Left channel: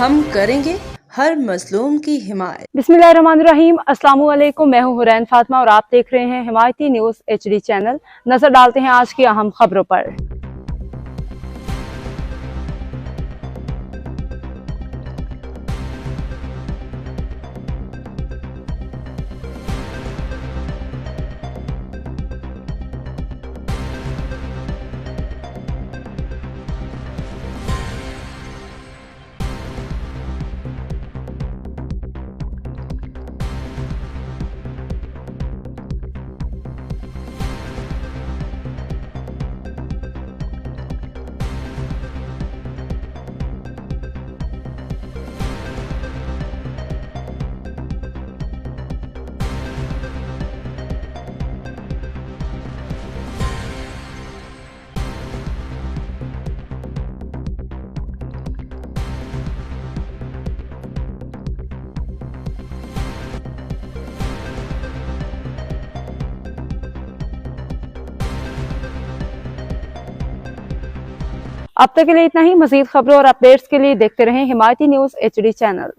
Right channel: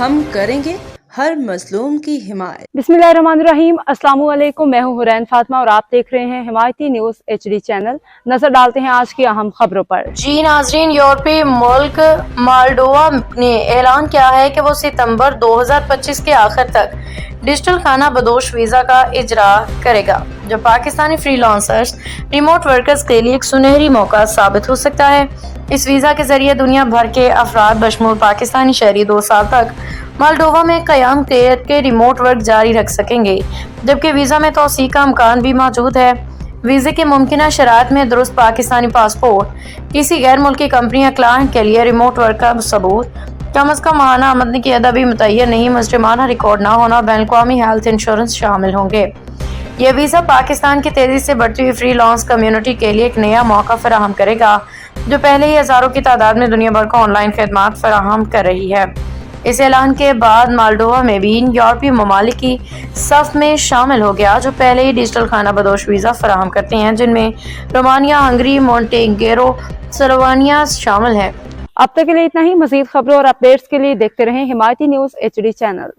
ہم کریں گے ہر مظلوم کی حمایت۔ बिस्मिल्लाहिर्रहमानिर्रहीम। अस्सलाम वालेकुम। मैं हूं हुरैन फातिमा और आप देख रहे हैं हिमायती न्यूज HD चैनल। नजर डालते हैं आज की अहम खबरों पर। जी नाजरीन, यूरोपीय मुल्क मालडोवा ने ऐलान किया है कि वो सितंबर 2025 के आखिर तक डिजिटल खाना बदोश वीज़ा का इजरा करेगा, जो पाकिस्तानी फ्रीलांसर्स रिमोट वर्कर्स के लिए एक सुनहरी मौका साबित हो सकता है। इस वीज़ा के जरिए दुनिया भर के अफराद बशमूल पाकिस्तानी शहरी 2 साल तक मालडोवा में क़याम के रिमोट वर्क जारी रख सकेंगे, जबकि वीज़ा में तोसी का अमकान भी मौजूद है। वीज़े के मुमकिन शरात में दुरुस्त पाकिस्तानी पासपोर्ट, किसी गैर मुल्की कंपनी या क्लाइंट के लिए रिमोट वर्क का सबूत, कम अज़ कम माहाना आमदनी की अदबी मुतय्यन नहीं, मुजरिमाना रिकॉर्ड ना होना, बैन-अल-अक़वामी हेल्थ इंश्योरेंस शामिल होंगे। यह वीज़ा पाकिस्तान की तेज़ी से बढ़ती हुई फ्रीलांस कम्युनिटी के लिए एक नया मौका फराहम करेगा, जो पहले ही हज़ारों की तादाद में दुनिया भर को ऑनलाइन खदमात फराहम कर रही है। इस ऐलान के बाद मालडोवा में भी यूरोपीय ममालिक की सफ में शामिल हो गया, जो पहले ही डिजिटल खाना बदोश वीज़ा फराहम करते हैं, जिनमें रोमानिया, हंगरी, मोंटेनेग्रो, स्लोवानिया शामिल है। अब तक के लिए इतना ही। मज़ीद खबरों और अपडेट्स के लिए देखते रहें हिमायती न्यूज HD चैनल।